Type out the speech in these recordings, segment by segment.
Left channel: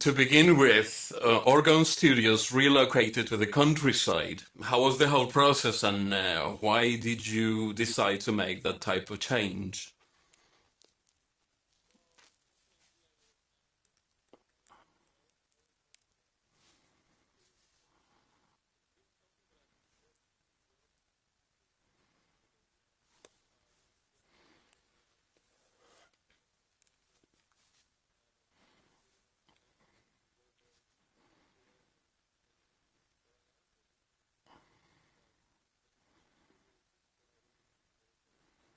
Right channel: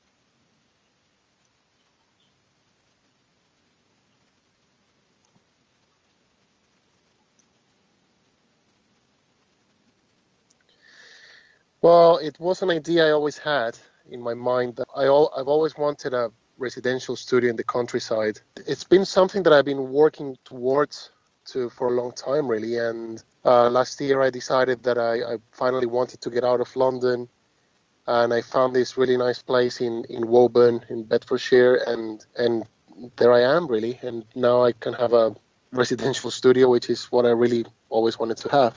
To begin with, Orgone Studios relocated to the countryside. How was the whole process, and why did you decide to make that type of change? Well, it was an idea I always had in my mind that I've always wanted a residential studio in the countryside. It's been something that I've been working towards for a long time, really. And last year I decided that I finally wanted to get out of London, and I found this really nice place in Woburn in Bedfordshire, and there I am, really. And now I can have a residential studio, which is what I really always wanted to have.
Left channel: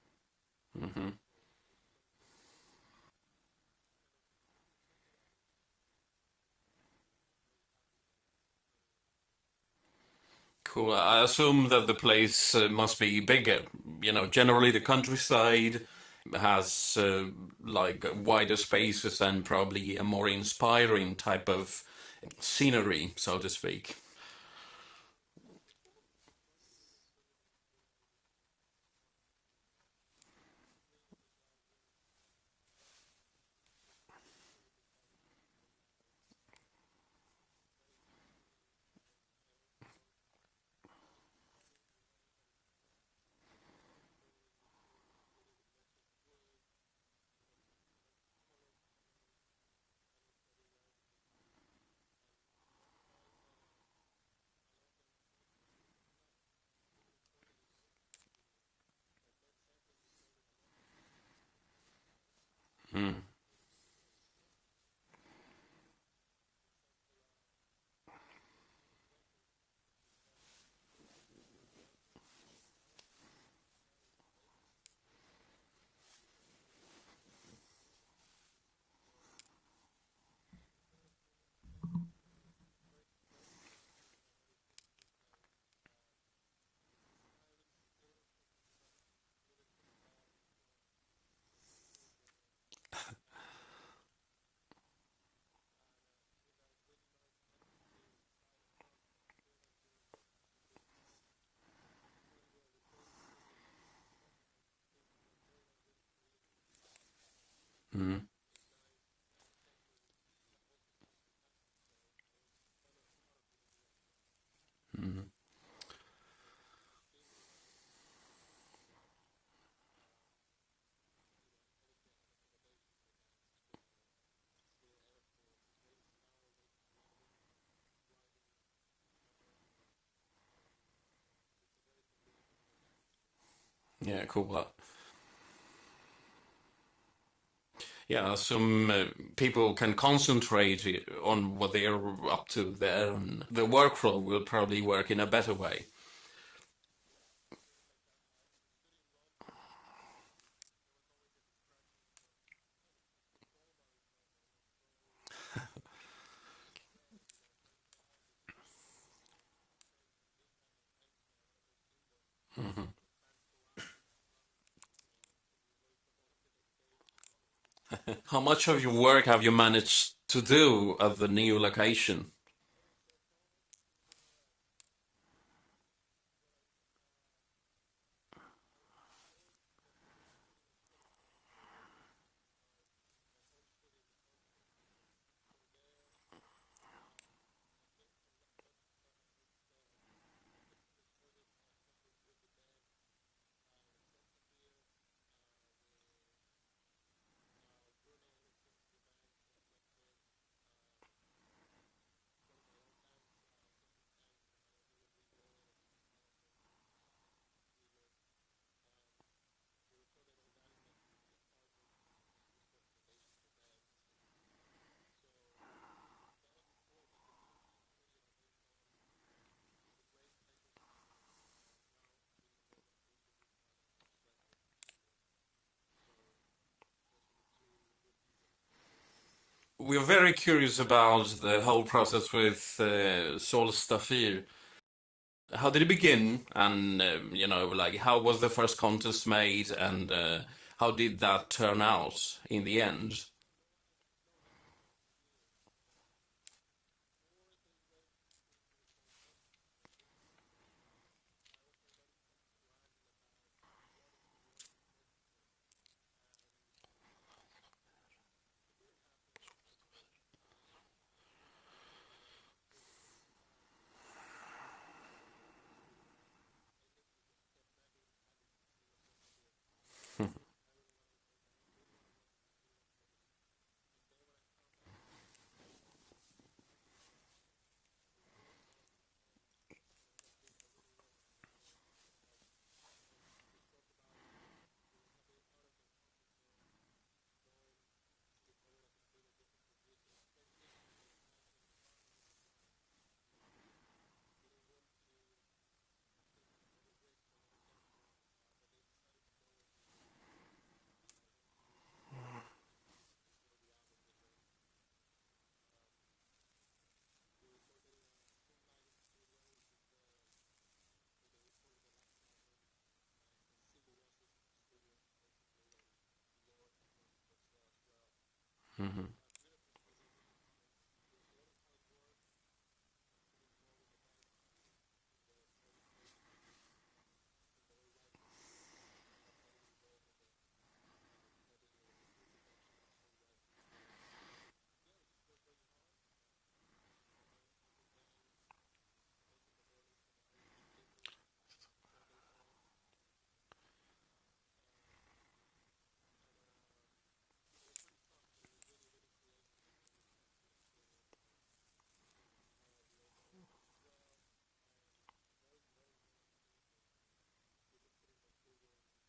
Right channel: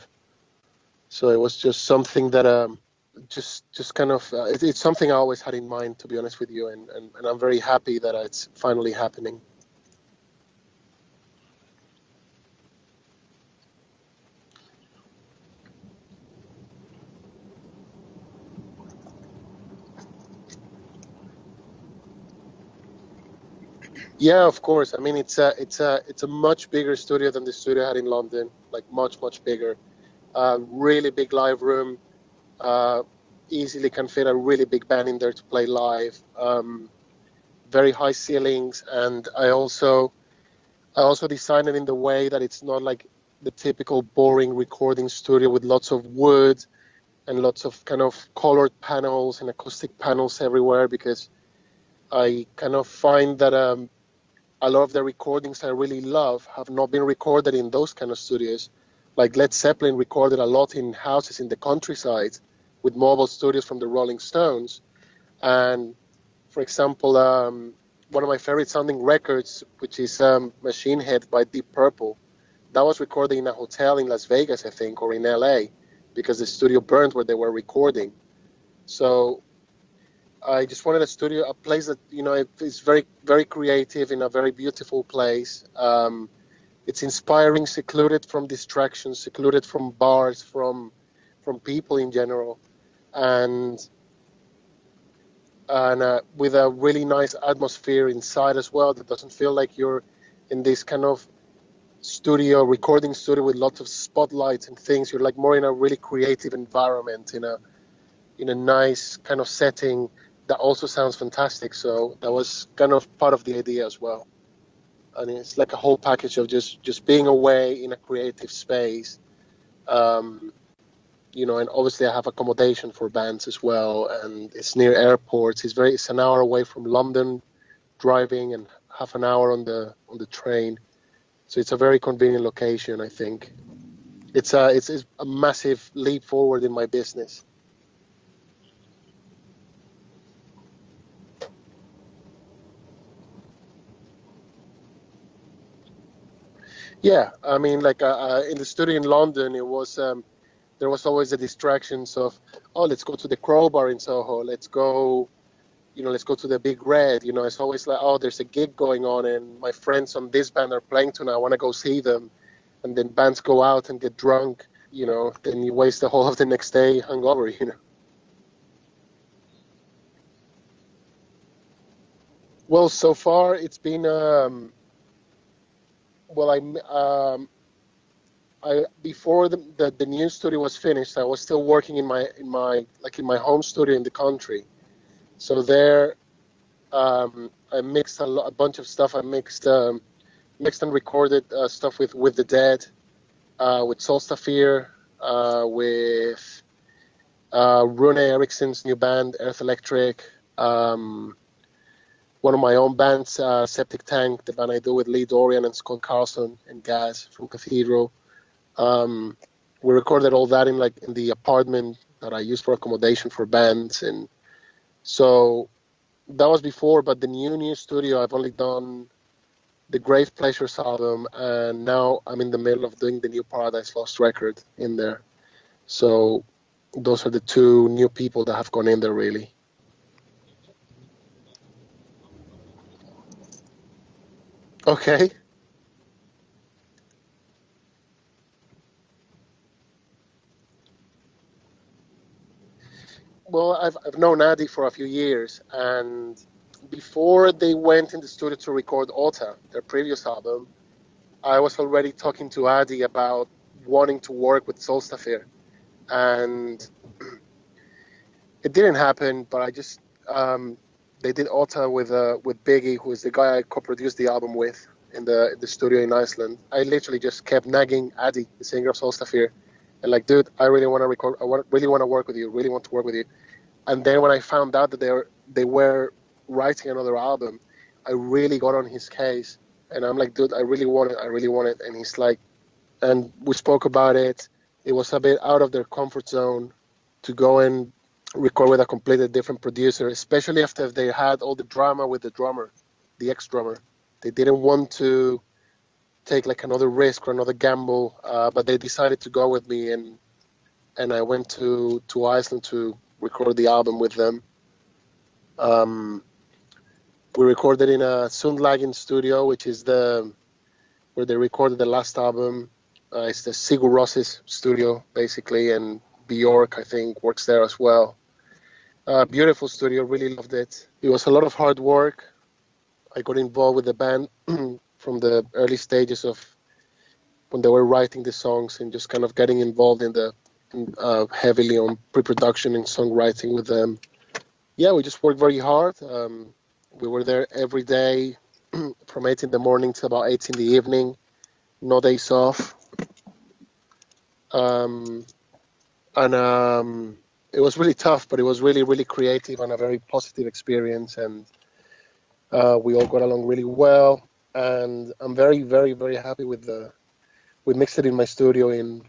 Mm-hmm. So it was just something that just kind of it's something I always had in mind, to be honest with you, and I'm very happy that it's finally happening. Cool. I assume that the place must be bigger. Generally the countryside has like wider spaces and probably a more inspiring type of scenery, so to speak. Yeah, of course. I mean, it's a much bigger studio than the studio I had in London, like much bigger. Really big live room. Uh, Easily can fit a really big band in there to play live. Very high ceilings, and I also designed it in the way that it's not like the typical boring recording studio with lots of wood and lots of kind of colored panels and acoustic panels everywhere, because I kind of find that a lot of the recordings I really love have not been recorded in those kind of studios. Like Led Zeppelin recorded a lot in houses in the countryside with Mm. mobile studios from the Rolling Stones. And for example, one of my favorite sounding records, which is Machine Head by Deep Purple, that was recorded in a hotel in Las Vegas, I think, or in LA, because the studio burned where they were recording. So I just wanted a place that, is very creative, in a very beautiful place. It's inspiring, secluded from distractions, secluded from bars, from people in general, and with a really nice atmosphere inside as well, that doesn't feel like you're in this kind of recording studio with lots of spotlights and things. You're like more in a really creative environment, Mm. in a nice kind of setting that also sounds fantastic. So that was kind of part of the idea as well. Mm. And it's like a whole package of just being away in a creative space. Um, and obviously I have accommodation for bands as well, and it's near airports. It's an hour away from London driving, and half an hour on the train. So it's a very convenient location, I think. Yeah, cool. It's a massive leap forward in my business. Yeah, some people can concentrate on what they are up to there, and the workflow will probably work in a better way. Yeah, I mean, like in the studio in London, there was always the distractions of, oh, let's go to the Crowbar in Soho, let's go to the Big Red. It's always like, oh, there's a gig going on, and my friends on this band are playing tonight. I want to go see them. Mm-hmm. And then bands go out and get drunk. Then you waste the whole of the next day hungover. How much of your work have you managed to do at the new location? Well, so far it's been well, I before the new studio was finished, I was still working in my home studio in the country. So there, I mixed a bunch of stuff. I mixed and recorded stuff with the Dead, with Solstafir, with Rune Eriksson's new band, Earth Electric, one of my own bands, Septic Tank, the band I do with Lee Dorian and Scott Carlson and Gaz from Cathedral. We recorded all that in the apartment that I use for accommodation for bands, and so that was before. But the new studio, I've only done the Grave Pleasures album, and now I'm in the middle of doing the new Paradise Lost record in there. So those are the two new people that have gone in there, really. We're very curious about the whole process with Solstafir. Okay. How did it begin? And, like, how was the first contest made? And how did that turn out in the end? Well, I've known Adi for a few years, and before they went in the studio to record Ota, their previous album, I was already talking to Adi about wanting to work with Solstafir, and it didn't happen. But I just They did Ota with Biggie, who is the guy I co-produced the album with in the studio in Iceland. I literally just kept nagging Addy, the singer of Solstafir, and like, dude, I really want to record. Really want to work with you. Really want to work with you. And then when I found out that they were writing another album, I really got on his case, and I'm like, dude, I really want it. I really want it. And he's like, and we spoke about it. It was a bit out of their comfort zone to go and record with a completely different producer, especially after they had all the drama with the drummer, the ex-drummer. They didn't want to take like another risk or another gamble, but they decided to go with me, and I went to Iceland to record the album with them. We recorded in a Sundlagen studio, which is where they recorded the last album. It's the Sigur Ros's studio, basically, and Bjork, I think, works there as well. Beautiful studio, really loved it. It was a lot of hard work. I got involved with the band from the early stages of when they were writing the songs, and just kind of getting involved in heavily on pre-production and songwriting with them. Yeah, we just worked very hard. We were there every day from 8 in the morning till about 8 in the evening. No days off. It was really tough, but it was really, really creative and a very positive experience. And we all got along really well. And I'm very, very, very happy with we mixed it in my studio in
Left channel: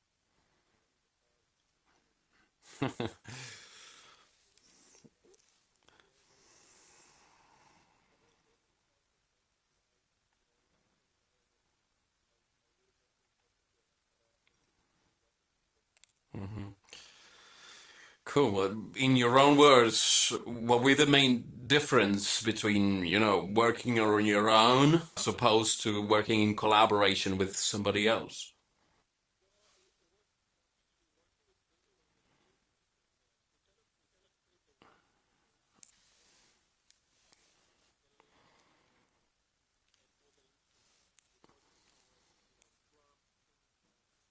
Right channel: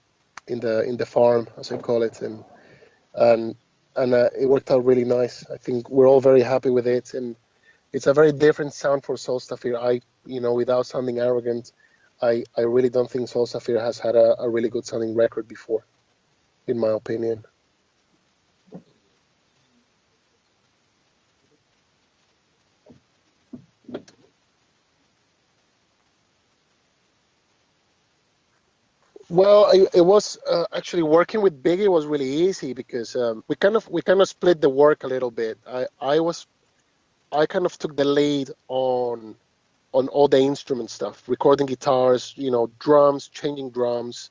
the farm, as I call it, and it worked out really nice. I think we're all very happy with it, and it's a very different sound for Solstafir. Without sounding arrogant, I really don't think Solstafir has had a really good sounding record before, in my opinion. Cool. Well, in your own words, what were the main difference between, working on your own as opposed to working in collaboration with somebody else? Well, it was actually working with Biggie was really easy because we kind of split the work a little bit. I kind of took the lead on all the instrument stuff, recording guitars, drums, changing drums,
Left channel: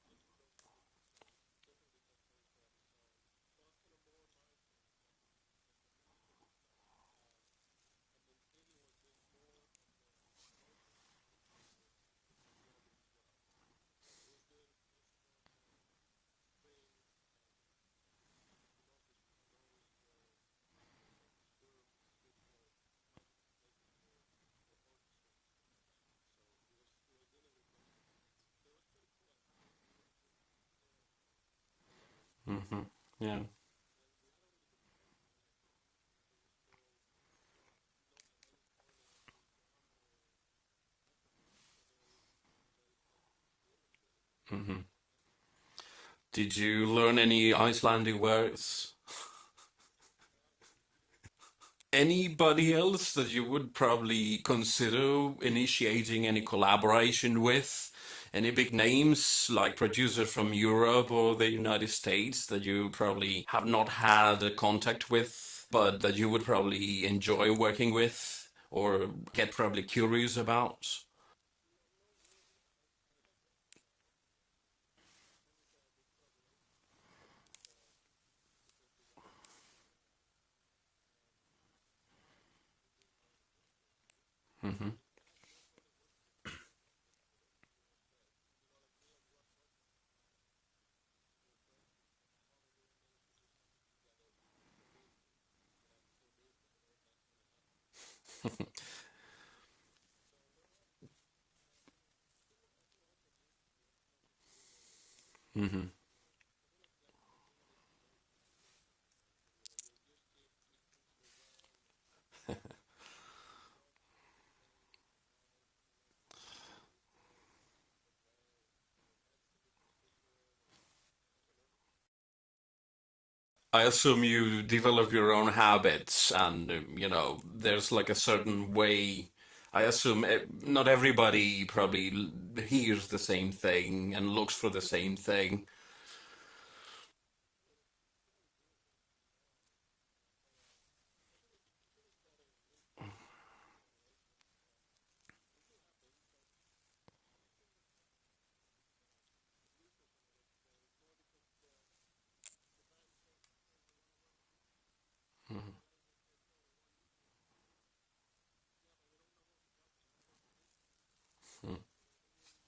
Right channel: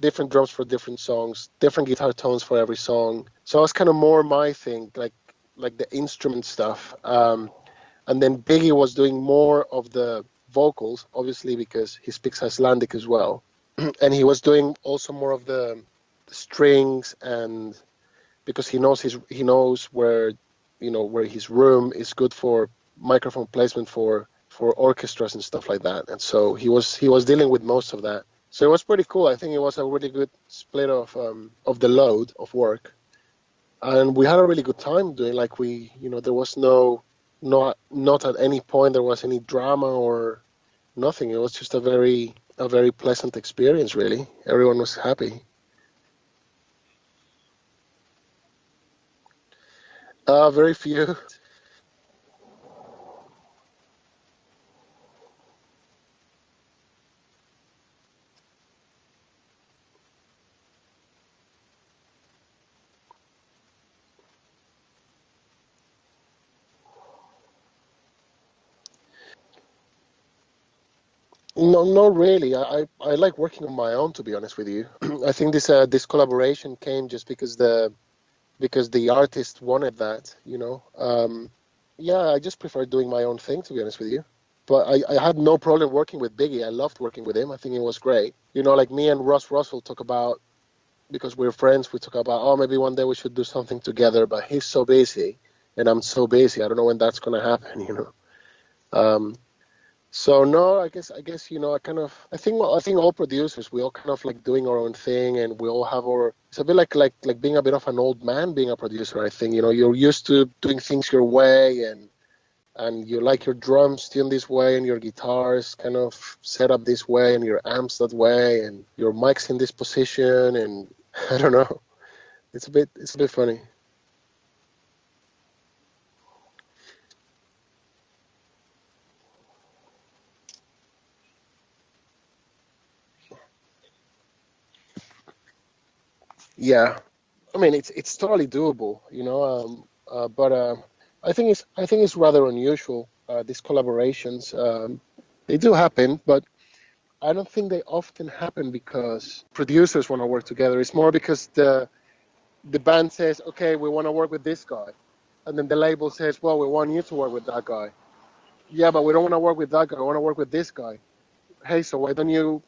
different drums for different songs, different guitar tones for every song. So it was kind of more my thing, like the instrument stuff. And then Biggie was doing more of the vocals, obviously because he speaks Icelandic as well, and he was doing also more of the strings, and because he knows where where his room is good for microphone placement for orchestras and stuff like that. And so he was dealing with most of that. So it was pretty cool. I think it was a really good split of the load of work. Yeah. And we had a really good time doing, like, there was not at any point there was any drama or nothing. It was just a very pleasant experience, really. Everyone was happy. Did you learn any Icelandic words? Very few. Anybody else that you would probably consider initiating any collaboration with? Any big names like producers from Europe or the United States that you probably have not had a contact with, but that you would probably enjoy working with or get probably curious about? No, not really. I like working on my own, to be honest with you. I think this collaboration came just because the artist wanted that, Yeah, I just prefer doing my own thing, to be honest with you. But I had no problem working with Biggie. I loved working with him. I think it was great. Like me and Russ Russell talk about, because we're friends, we talk about, oh, maybe one day we should do something together. But he's so busy, and I'm so busy. I don't know when that's going to happen, So no, I guess I think all producers, we all kind of like doing our own thing, and we all have it's a bit like being a bit of an old man being a producer. I think you're used to doing things your way, and you like your drums tuned this way, and your guitars kind of set up this way, and your amps that way, and your mics in this position, and I don't know. It's a bit funny. I assume you develop your own habits, and there's like a certain way. I assume not everybody probably hears the same thing and looks for the same thing. Yeah, I mean it's totally doable, but I think it's rather unusual. These collaborations, they do happen, but I don't think they often happen because producers want to work together. It's more because the band says, okay, we want to work with this guy, And then the label says, well, we want you to work with that guy. Yeah, but we don't want to work with that guy. We want to work with this guy. Hey, so why don't you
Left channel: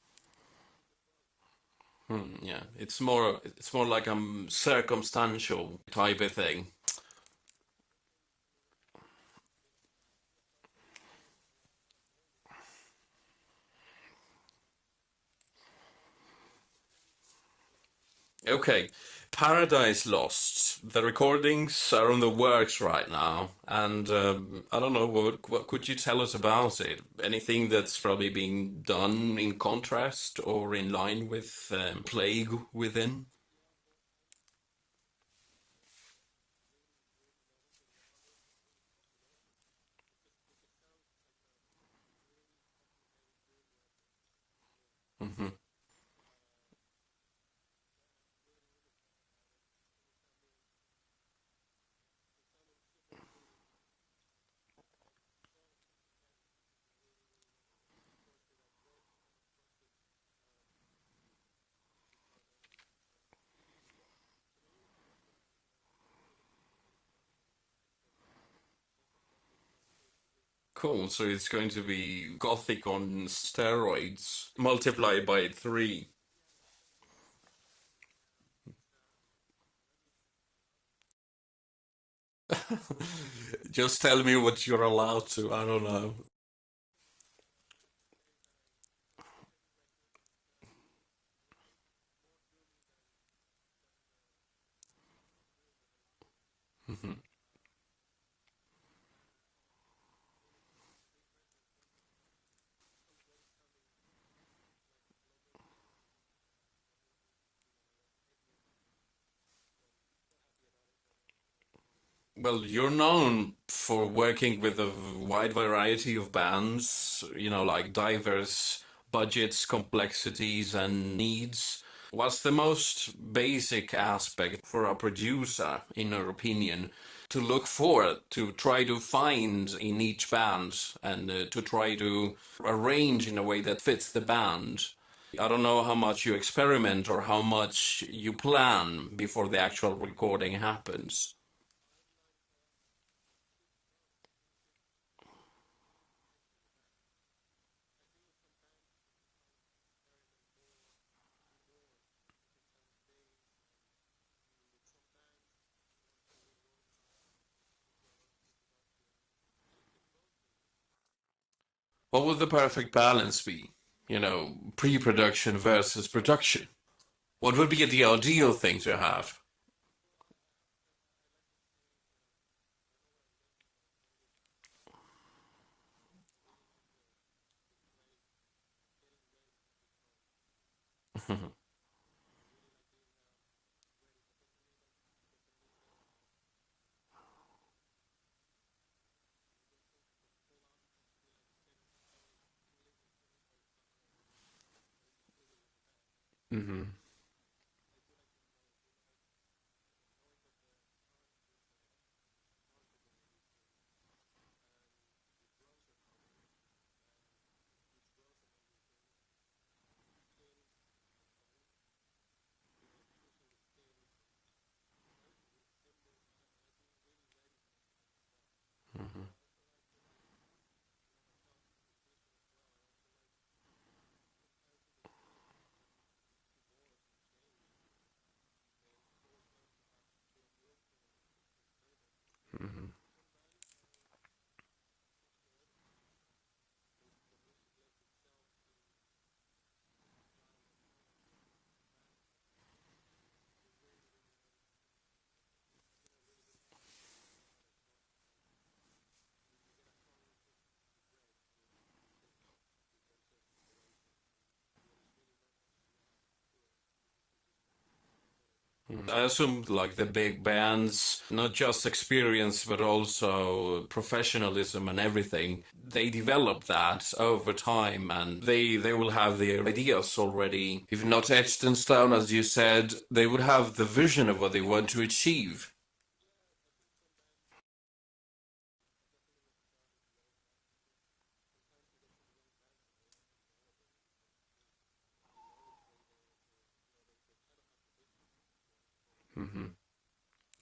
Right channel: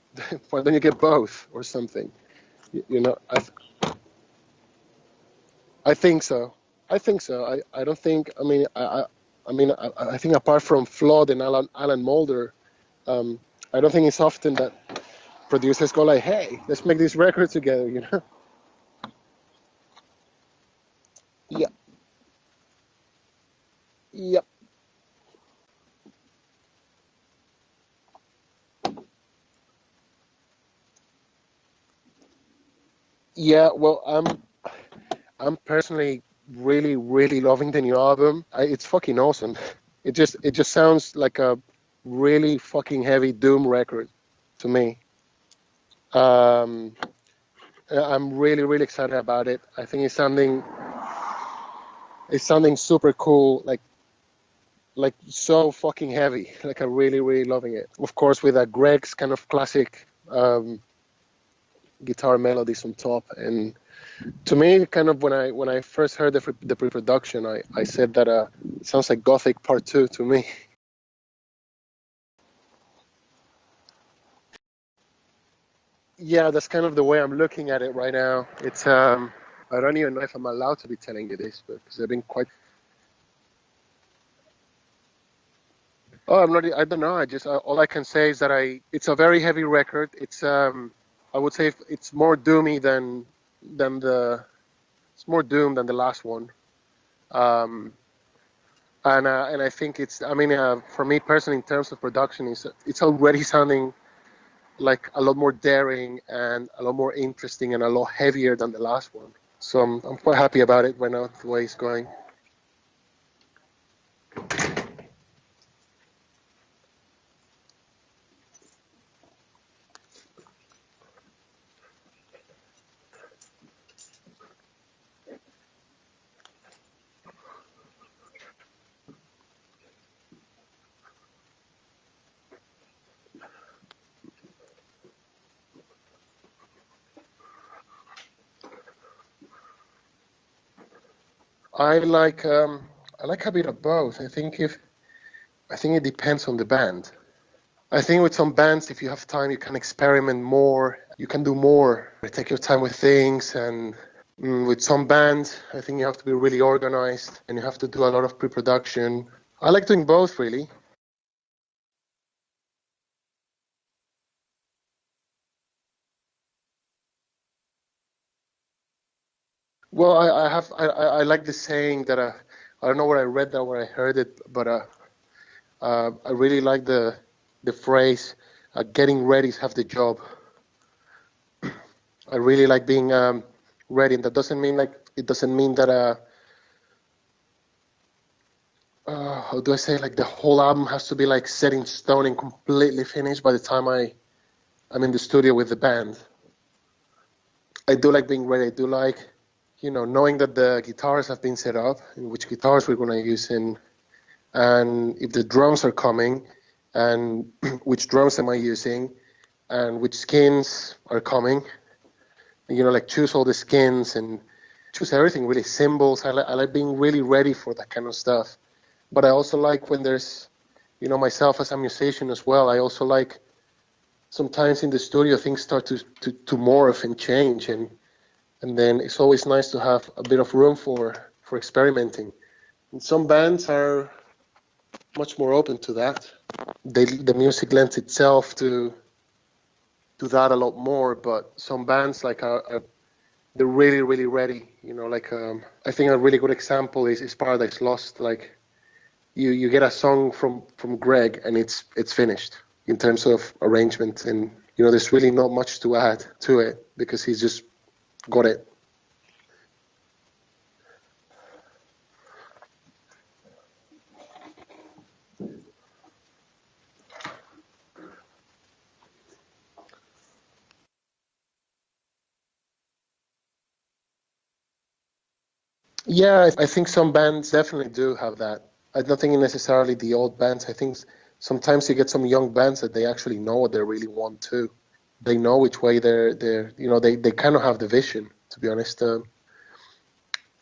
get both or something? Yeah, You know, it's more like a circumstantial I type think of so. thing. I think so. I don't think. I think apart from Flood and Alan Mulder, I don't think it's often that producers go like, "Hey, let's make this record together." You know? Okay, Paradise Lost. The Yeah, recordings are on the works right now, and yeah. I don't know what could you tell us about it? Anything that's probably being done in contrast or in line with Plague Within? Yeah, well, I'm personally really, really loving the new album. It's fucking awesome. It just sounds like a really fucking heavy doom record to me. Um, I'm really, really excited about it. I think it's sounding super cool, like so fucking heavy. Like I'm really, really loving it. Of course, with a Greg's kind of classic guitar melodies on top. And to me, kind of when I first heard the pre-production, I said that it sounds like Gothic Part 2 to me. Cool. So it's going to be Gothic on steroids multiplied by 3. Yeah, that's kind of the way I'm looking at it right now. It's I don't even know if I'm allowed to be telling you this, but because I've been quite. Just tell me what you're allowed to. I don't know. Oh, I'm not. I don't know. I just all I can say is that It's a very heavy record. It's I would say it's more doomy than the. It's more doom than the last one. Um, and I think it's. I mean, for me personally, in terms of production, it's already sounding like a lot more daring and a lot more interesting and a lot heavier than the last one. So I'm quite happy about it right now, the way it's going. Well, you're known for working with a wide variety of bands, like diverse budgets, complexities, and needs. What's the most basic aspect for a producer, in your opinion, to look for, to try to find in each band, and to try to arrange in a way that fits the band? I don't know how much you experiment or how much you plan before the actual recording happens. I like a bit of both. I think it depends on the band. I think with some bands, if you have time, you can experiment more. You can do more. Take your time with things. And with some bands, I think you have to be really organized and you have to do a lot of pre-production. I like doing both, really. What would the perfect balance be? Pre-production versus production. What would be the ideal thing to have? Well, I like the saying that I don't know where I read that, where I heard it, but I really like the phrase, "Getting ready is half the job." I really like being ready, and that doesn't mean that how do I say, like the whole album has to be like set in stone and completely finished by the time I'm in the studio with the band. I do like being ready. I do like, knowing that the guitars have been set up and which guitars we're going to use and if the drums are coming and which drums am I using and which skins are coming. Like choose all the skins and choose everything, really, cymbals. I like being really ready for that kind of stuff. But I also like when there's, myself as a musician as well, I also like sometimes in the studio things start to morph and change, and then it's always nice to have a bit of room for experimenting. And some bands are much more open to that. The music lends itself to that a lot more, but some bands like they're really, really ready. I think a really good example is Paradise Lost. Like you get a song from Greg and it's finished in terms of arrangement, and there's really not much to add to it because he's just got it. I assume like the big bands, not just experience but also professionalism and everything. They develop that over time, and they will have their ideas already, if not etched in stone, as you said. They would have the vision of what they want to achieve. Yeah, I think some bands definitely do have that. I don't think necessarily the old bands. I think sometimes you get some young bands that they actually know what they really want to. They know which way they kind of have the vision, to be honest.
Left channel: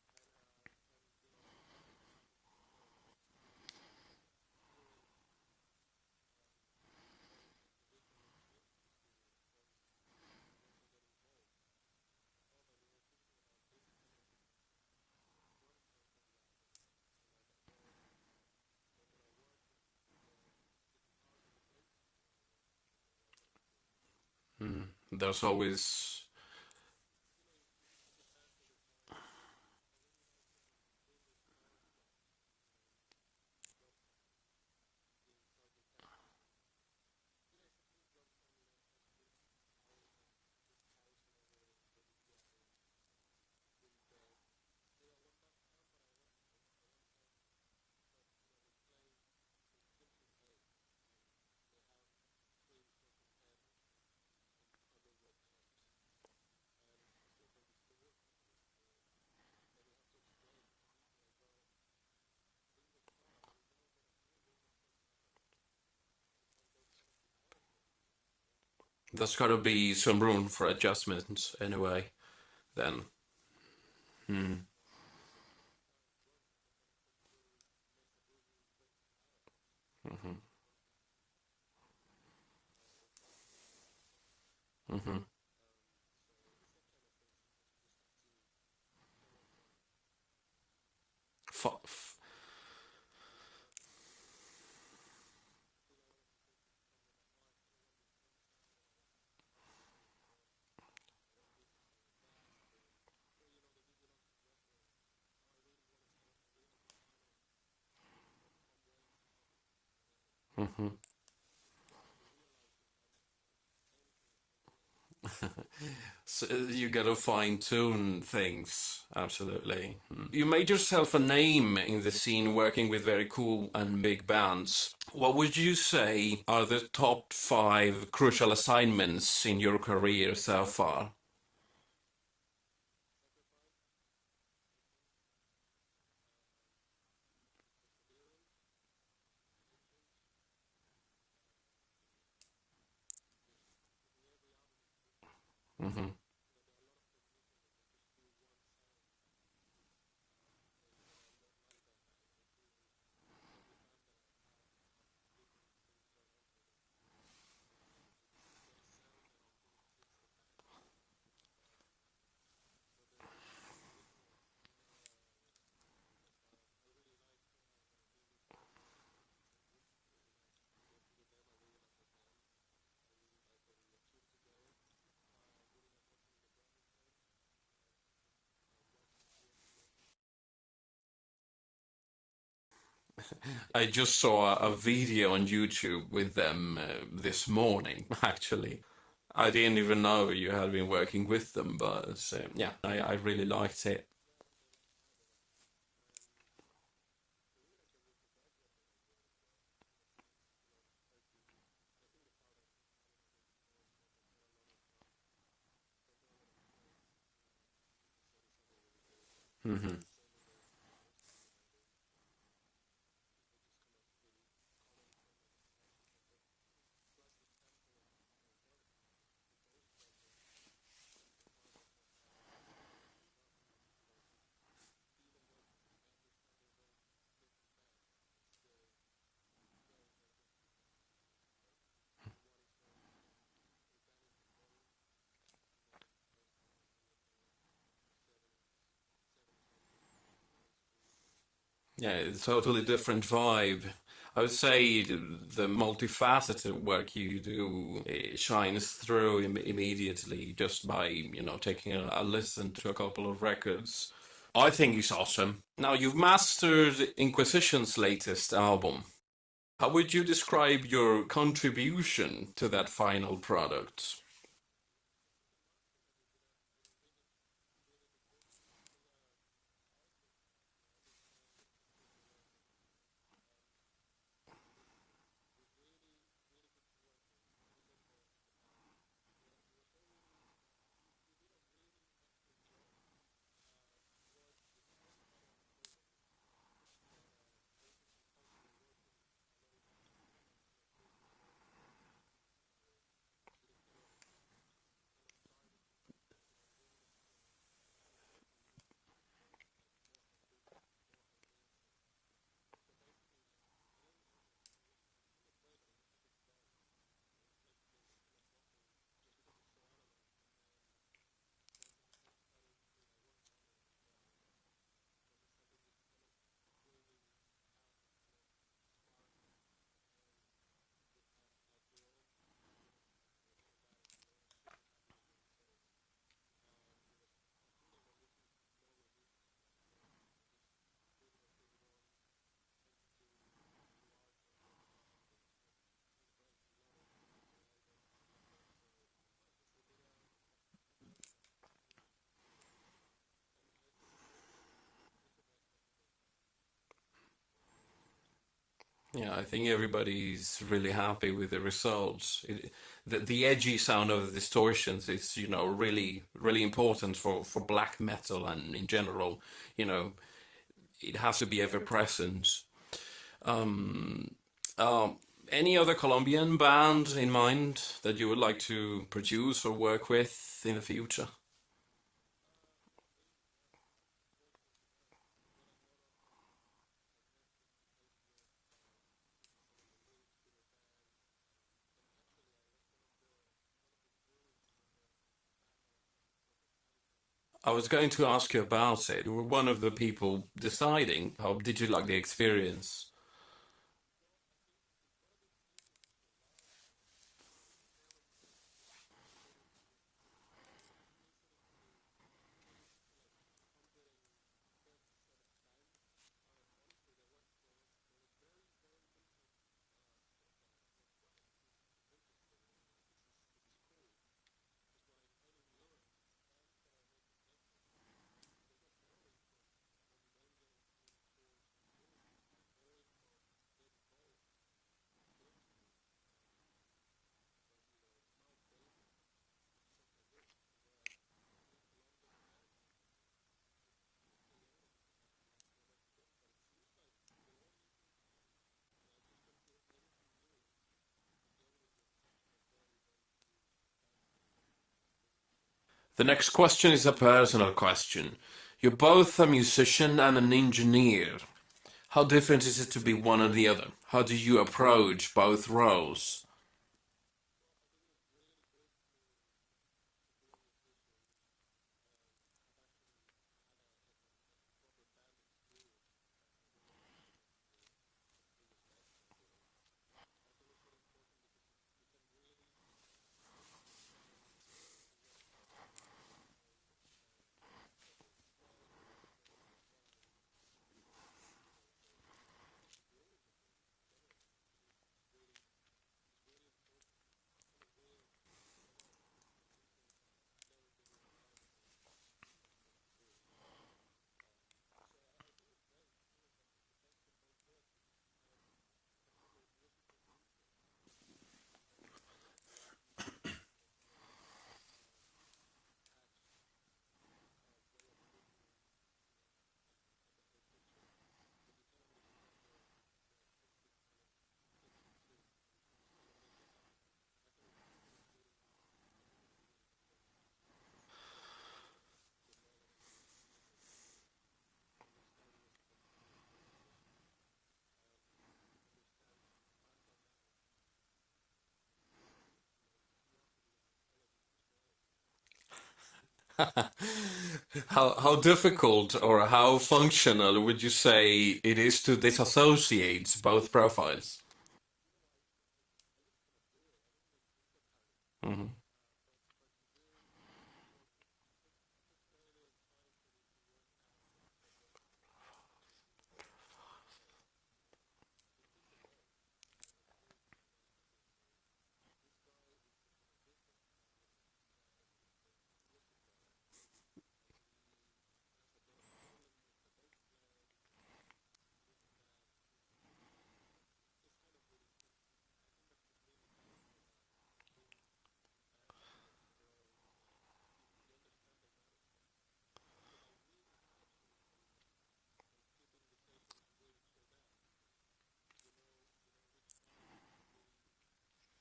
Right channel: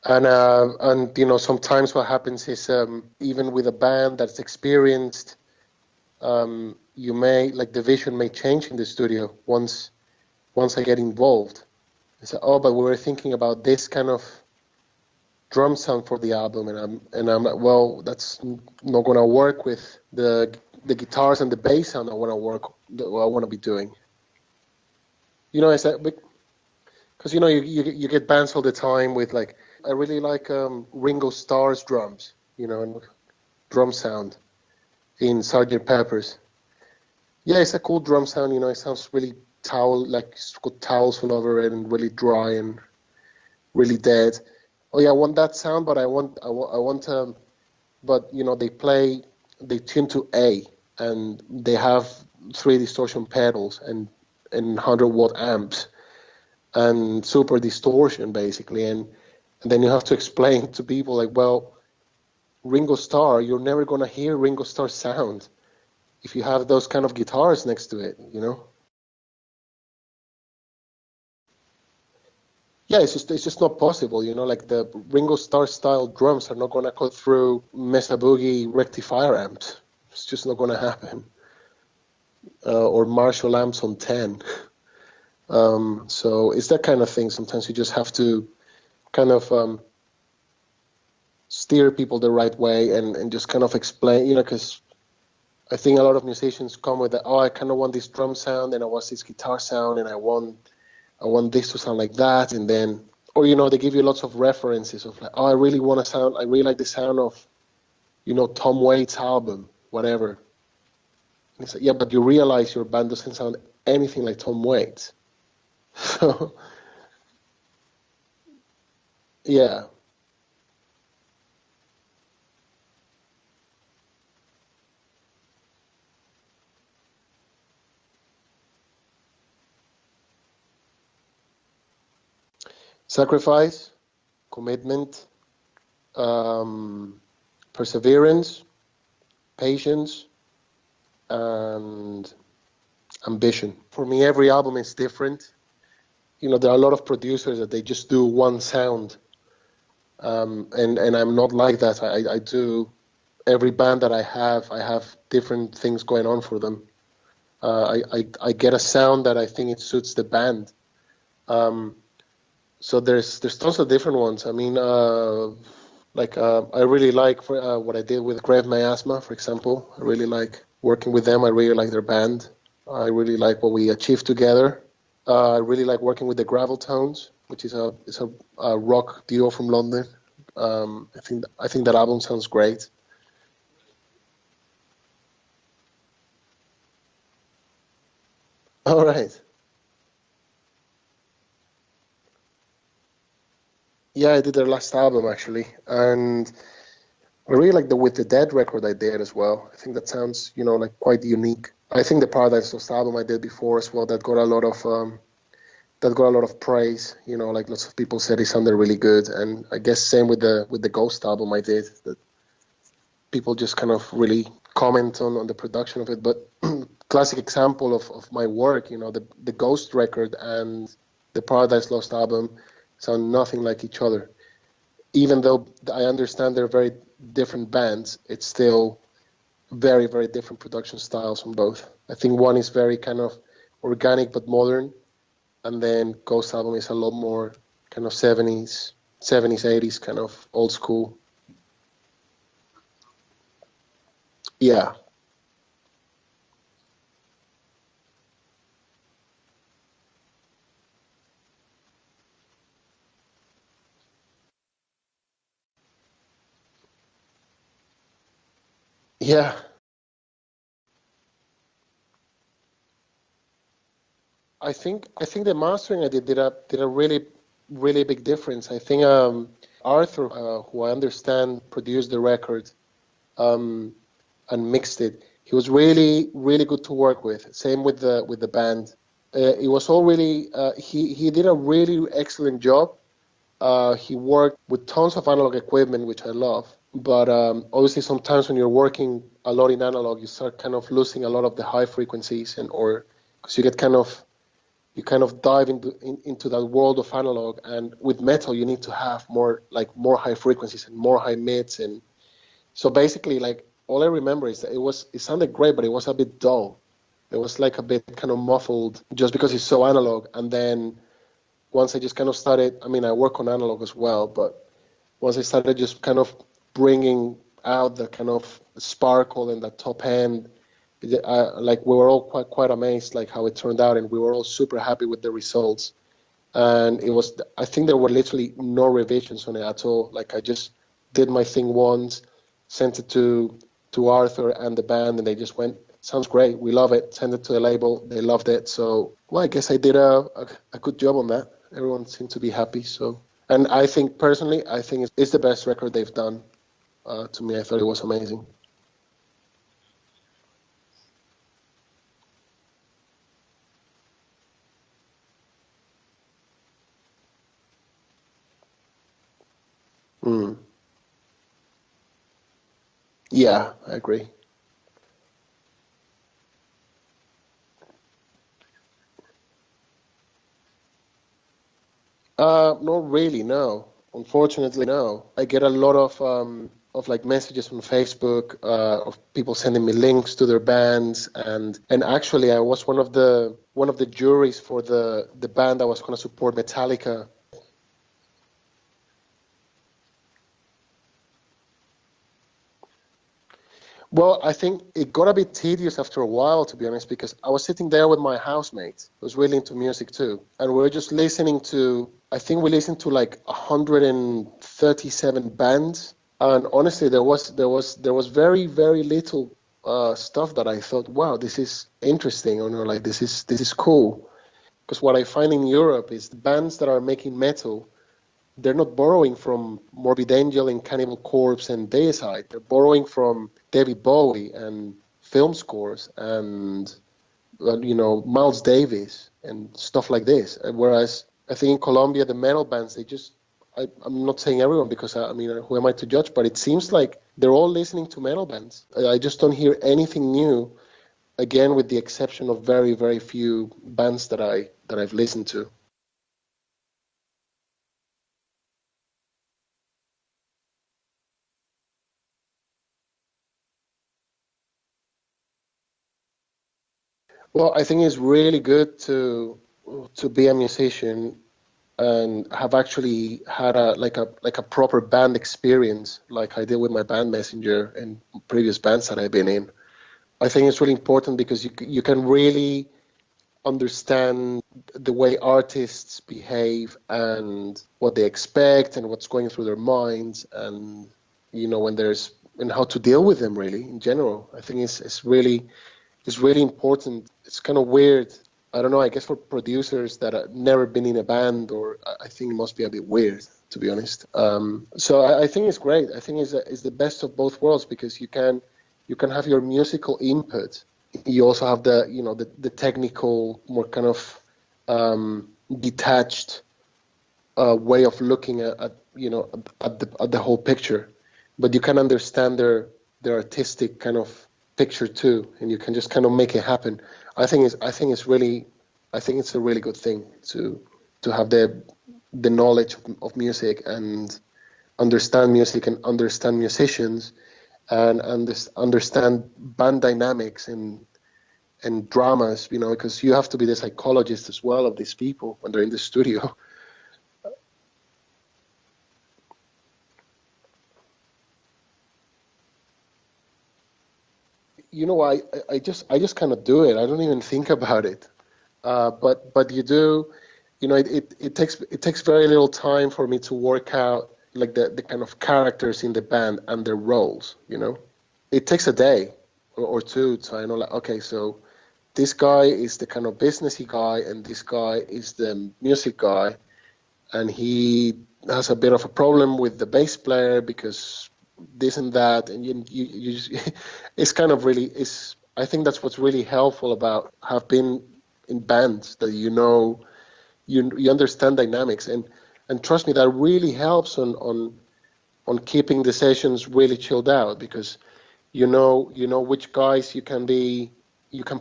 And you know, sometimes what happens is even with a band that's experienced, you may like the vision may change in the studio once I get involved. I say, oh, but we were thinking about this kind of drum sound for the album, and I'm like, well, that's not going to work with the guitars and the bass sound I want to be doing. There's You know, always. because you know you get bands all the time with like, I really like Ringo Starr's drums, you know, and drum sound in Sgt. Pepper's. Yeah, it's a cool drum sound. You know, it sounds really like it's got towels all over it and really dry and really dead. Oh yeah, I want that sound, but I want but you know, they tune to A, and they have 3 distortion pedals and 100-watt amps and super distortion basically, and then you have to explain to people like, well, Ringo Starr, you're never gonna hear Ringo Starr sound if you have those kind of guitars next to it, you know? There's got to be some room for adjustments anyway. Then. Yeah, it's just not possible, you know, like the Ringo Starr style drums are not gonna cut through Mesa Boogie rectifier amps. It's just not gonna happen. Or Marshall amps on 10. So it's that kind of thing. Sometimes you just have to kind of steer people the right way and just kind of explain, you know, because I think a lot of musicians come with that, oh, I kind of want this drum sound and I want this guitar sound and I want this to sound like that. And then, or, you know, they give you lots of references of like, oh, I really like the sound of, you know, Tom Waits' album, whatever. And it's like, yeah, but you realize your band doesn't sound anything like Tom Waits. So you gotta fine tune things, absolutely. Yeah. You made yourself a name in the scene working with very cool and big bands. What would you say are the top 5 crucial assignments in your career so far? Sacrifice, commitment, perseverance, patience, and ambition. For me, every album is different. You know, there are a lot of producers that they just do one sound, and I'm not like that. I do every band that I have different things going on for them. I get a sound that I think it suits the band. So there's tons of different ones. I mean, I really like what I did with Grave Miasma, for example. I really like working with them. I really like their band. I really like what we achieved together. I really like working with the Gravel Tones, which is a rock duo from London. I think that album sounds great. I just saw a video on YouTube with them this morning, actually. All right. I didn't even know you had been working with them, but yeah, I really liked it. Yeah, I did their last album actually, and I really like the With the Dead record I did as well. I think that sounds, you know, like quite unique. I think the Paradise Lost album I did before as well, that got a lot of praise. You know, like lots of people said it sounded really good, and I guess same with the Ghost album I did. That people just kind of really comment on the production of it. But classic example of my work, you know, the Ghost record and the Paradise Lost album sound nothing like each other. Even though I understand they're very different bands, it's still very, very different production styles from both. I think one is very kind of organic but modern, and then Ghost album is a lot more kind of 70s, 80s kind of old school. Yeah, it's a totally different vibe. I would Yeah. say the multifaceted work you do shines through immediately just by, you know, taking a listen to a couple of records. I think it's awesome. Now, you've mastered Inquisition's latest album. Yeah. How would you describe your contribution to that final product? I think the mastering I did a really, really big difference. I think Arthur, who I understand produced the record and mixed it, he was really, really good to work with. Same with the band. It was all really he did a really excellent job. He worked with tons of analog equipment, which I love. But obviously, sometimes when you're working a lot in analog, you start kind of losing a lot of the high frequencies, or because you get kind of you kind of dive into that world of analog. And with metal, you need to have more high frequencies and more high mids. And so basically, like, all I remember is that it sounded great, but it was a bit dull. It was like a bit kind of muffled just because it's so analog. And then once I just kind of started, I mean, I work on analog as well, but once I started just kind of bringing out the kind of sparkle and the top end, like, we were all quite amazed, like, how it turned out, and we were all super happy with the results. And I think there were literally no revisions on it at all. Like, I just did my thing once, sent it to Arthur and the band, and they just went, sounds great, we love it, send it to the label, they loved it. So, well, I guess I did a good job on that. Everyone seemed to be happy. So, and I think personally, it's the best record they've done. To me, I thought it was amazing. Yeah, I think everybody's really happy with the results. The edgy sound of the distortions is, really, really important for black metal and in general. It has to be ever present. Yeah, I agree. Any other Colombian band in mind that you would like to produce or work with in the future? Not really, no. Unfortunately, no. I get a lot of like messages from Facebook of people sending me links to their bands, and actually I was one of the juries for the band that was going to support Metallica. I was going to ask you about it. You were one of the people deciding. How did you like the experience? Well, I think it got a bit tedious after a while, to be honest, because I was sitting there with my housemate, who was really into music too, and we were just listening to. I think we listened to like 137 bands, and honestly, there was very, very little stuff that I thought, wow, this is interesting, or like this is cool. Because what I find in Europe is the bands that are making metal, they're not borrowing from Morbid Angel and Cannibal Corpse and Deicide. They're borrowing from David Bowie and film scores and Miles Davis and stuff like this. Whereas I think in Colombia, the metal bands, I'm not saying everyone, because I mean, who am I to judge? But it seems like they're all listening to metal bands. I just don't hear anything new. Again, with the exception of very, very few bands that I've listened to. The next question is a personal question. You're both a musician and an engineer. How different is it to be one or the other? How do you approach both roles? Well, I think it's really good to be a musician and have actually had a proper band experience, like I did with my band Messenger and previous bands that I've been in. I think it's really important because you can really understand the way artists behave and what they expect and what's going through their minds, and and how to deal with them really in general. I think it's really important. It's kind of weird. I don't know, I guess for producers that have never been in a band, or I think it must be a bit weird, to be honest. So I think it's great. I think it's the best of both worlds, because you can have your musical input. You also have the technical, more kind of detached way of looking at the whole picture, but you can understand their artistic kind of picture too, and you can just kind of make it happen. I think it's a really good thing to have the knowledge of music and understand music and understand musicians and understand band dynamics and dramas, because you have to be the psychologist as well of these people when they're in the studio. How difficult or how functional would you say it is to disassociate both profiles? I just kind of do it. I don't even think about it. But you do, it takes very little time for me to work out like the kind of characters in the band and their roles. It takes a day or two to, I know, like, okay, so this guy is the kind of businessy guy and this guy is the music guy, and he has a bit of a problem with the bass player because this and that, and you just, it's kind of really, I think that's what's really helpful about have been in bands, that you understand dynamics, and trust me, that really helps on keeping the sessions really chilled out, because you know which guys you can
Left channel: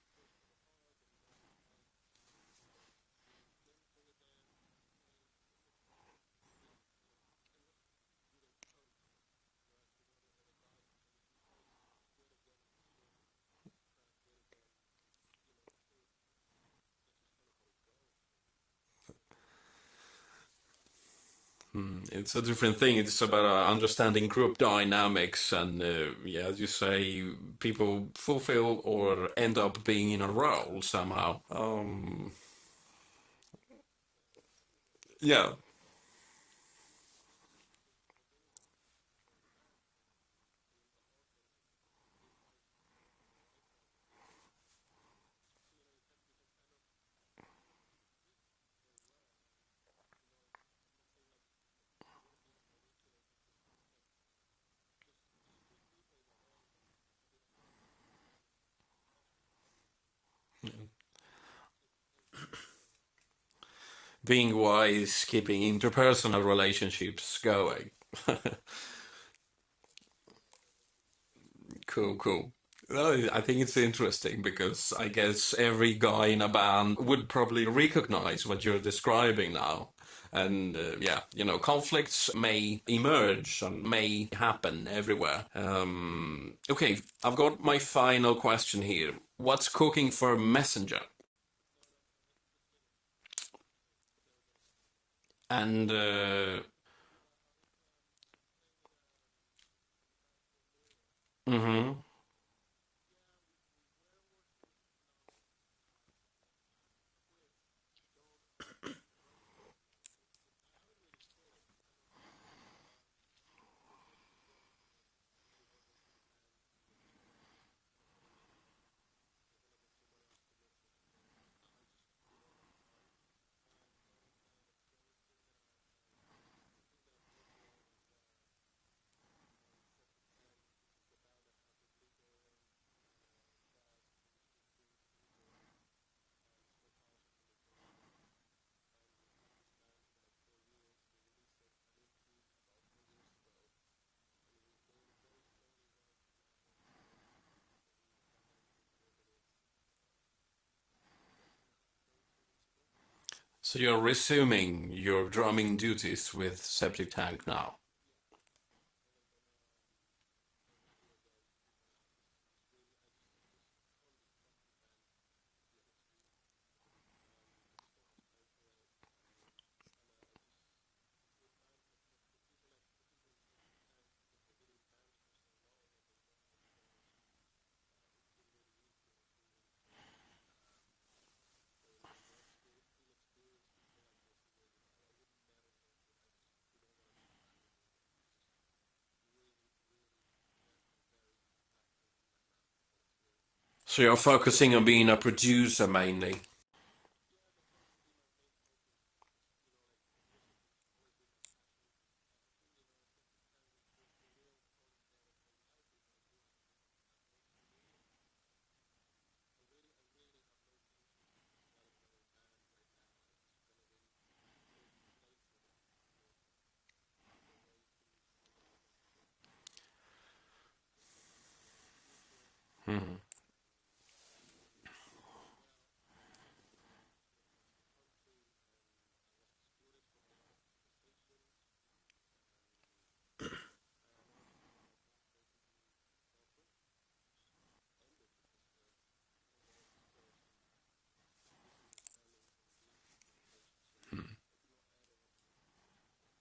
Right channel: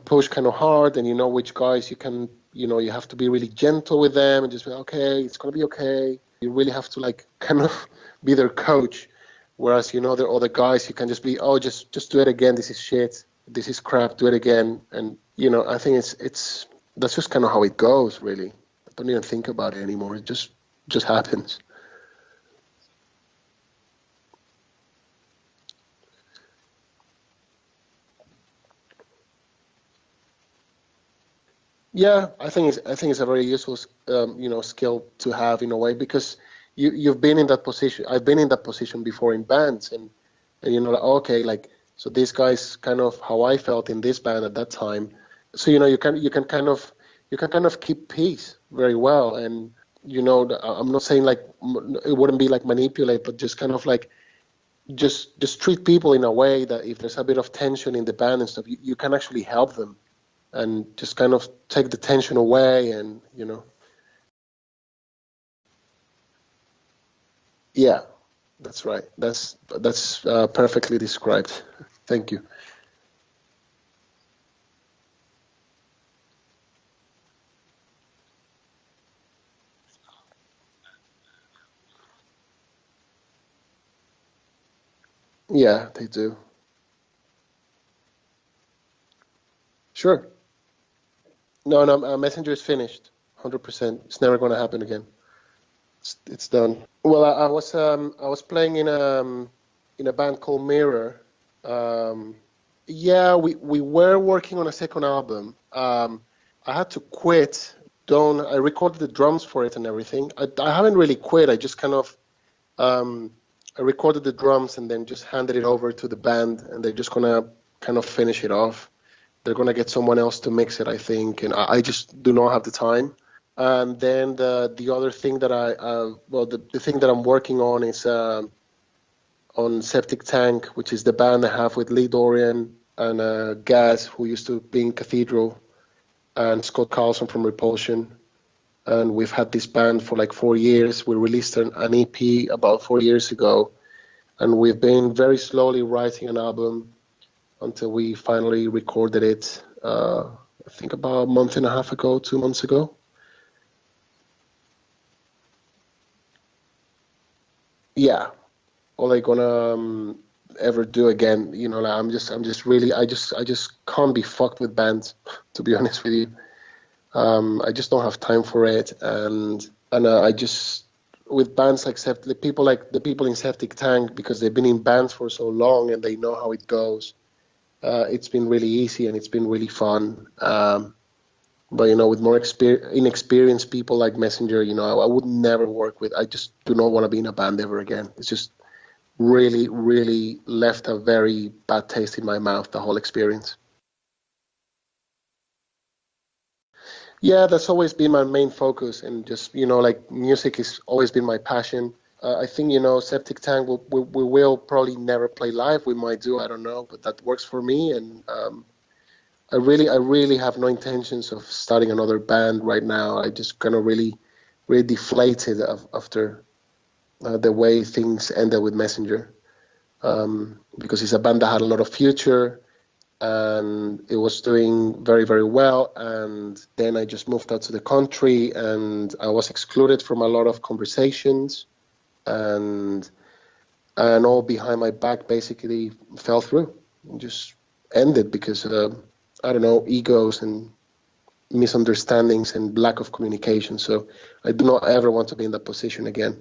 push kind of hard, and which guys you can you have to be really gentle with them and just be, okay, it's going to be okay. You really have to like kind of be their coach. Whereas, there are other guys, you can just be, oh, just do it again. This is shit. This is crap. Do it again. And, I think that's just kind of how it goes, really. I don't even think about it anymore. It just happens. It's a different thing. It's about understanding group dynamics, and as you say, people fulfill or end up being in a role somehow. Yeah, I think it's a very useful, skill to have in a way, because you've been in that position. I've been in that position before in bands, and like, okay, like, so this guy's kind of how I felt in this band at that time. So you can kind of keep peace very well, and I'm not saying like it wouldn't be like manipulate, but just kind of like just treat people in a way that if there's a bit of tension in the band and stuff, you can actually help them and just kind of take the tension away, and Being wise, keeping interpersonal relationships going. Yeah, that's right. That's perfectly described. Cool, Thank cool. you. Well, I think it's interesting because I guess every guy in a band would probably recognize what you're describing now. And conflicts may emerge and may happen everywhere. Yeah, they do. Okay, I've got my final question here. What's cooking Sure. for Messenger? No, Messenger is finished. 100%. It's never going to happen again. And It's done. Well, I was playing in a band called Mirror. Yeah, we were working on a second album. I had to quit. I recorded the drums for it and everything. I haven't really quit. I just kind of I recorded the drums and then just handed it over to the band, and they're just gonna kind of finish it off. They're gonna get someone else to mix it, I think, and I just do not have the time. And then the other thing that the thing that I'm working on is on Septic Tank, which is the band I have with Lee Dorian and Gaz, who used to be in Cathedral, and Scott Carlson from Repulsion. And we've had this band for like 4 years. We released an EP about 4 years ago, and we've been very slowly writing an album until we finally recorded it, I think about a month and a half ago, 2 months ago. so you're resuming your drumming duties with Septic Tank now? Yeah, all I gonna ever do again, like I'm just really, I just can't be fucked with bands, to be honest with you. I just don't have time for it, and I just, with bands like the people in Septic Tank, because they've been in bands for so long and they know how it goes. It's been really easy and it's been really fun. But with more inexperienced people like Messenger, I would never work with. I just do not want to be in a band ever again. It's just really, really left a very bad taste in my mouth, the whole experience. So you're focusing on being a producer mainly? Yeah, that's always been my main focus, and just like music has always been my passion. I think Septic Tank we will probably never play live. We might do, I don't know, but that works for me, and I really have no intentions of starting another band right now. I just kind of really deflated after the way things ended with Messenger, because it's a band that had a lot of future, and it was doing very, very well. And then I just moved out to the country, and I was excluded from a lot of conversations, and all behind my back basically fell through and just ended because I don't know, egos and misunderstandings and lack of communication. So I do not ever want to be in that position again.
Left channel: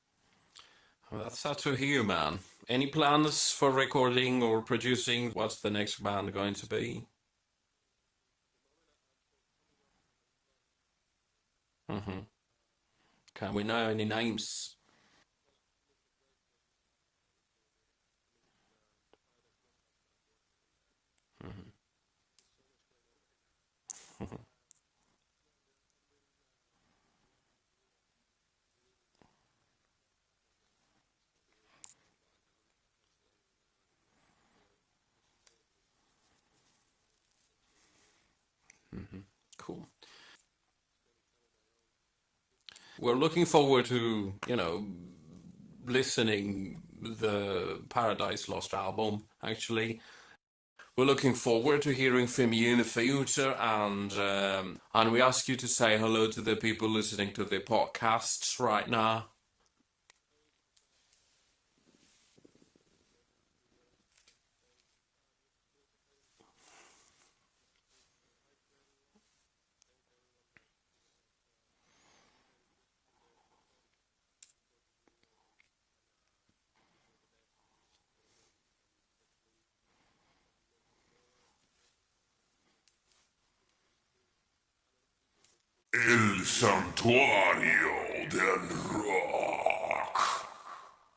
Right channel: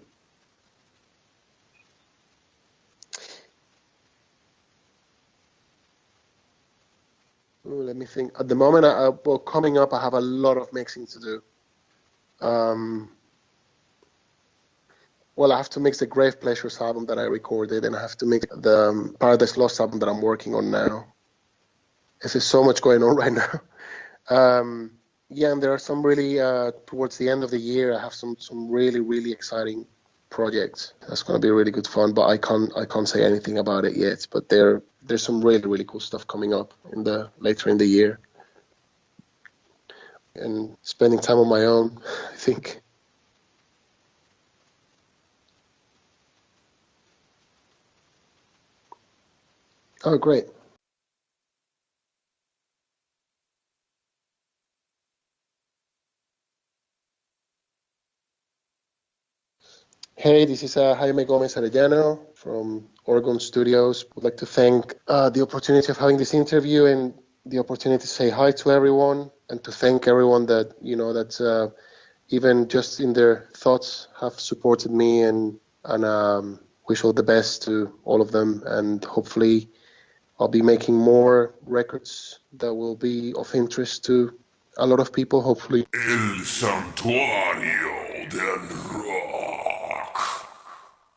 Well, that's sad to hear, man. Any plans for recording or producing? What's the next band going to be? Ooh, let me think. At the moment, coming up, I have a lot of mixing to do. Can we know any names? Well, I have to mix the Grave Pleasures album that I recorded, and I have to mix the Paradise Lost album that I'm working on now. There's so much going on right now. Yeah, and there are some really, towards the end of the year, I have some really, really exciting projects. That's going to be really good fun, but I can't say anything about it yet. But there's some really, really cool stuff coming up later in the year. Cool. And spending time on my own, I think. We're looking forward to, listening the Paradise Lost album, actually. Oh, great. We're looking forward to hearing from you in the future, and we ask you to say hello to the people listening to the podcasts right now. Hey, this is Jaime Gomez Arellano from Orgone Studios. I'd like to thank the opportunity of having this interview and the opportunity to say hi to everyone and to thank everyone that, that's even just in their thoughts have supported me and wish all the best to all of them. And hopefully I'll be making more records that will be of interest to a lot of people, hopefully. El santuario del rock.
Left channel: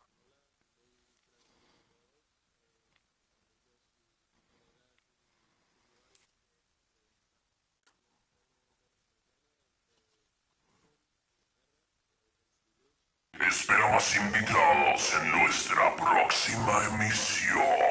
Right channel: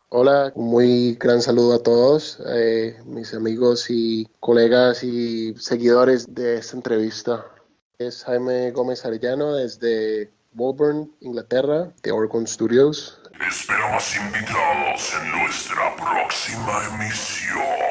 Hola, un muy gran saludo a todos, mis amigos y colegas y seguidores de esta entrevista. Es Jaime Gómez Arellano desde Woburn, Inglaterra, de Orgone Studios. Esperamos invitados en nuestra próxima emisión.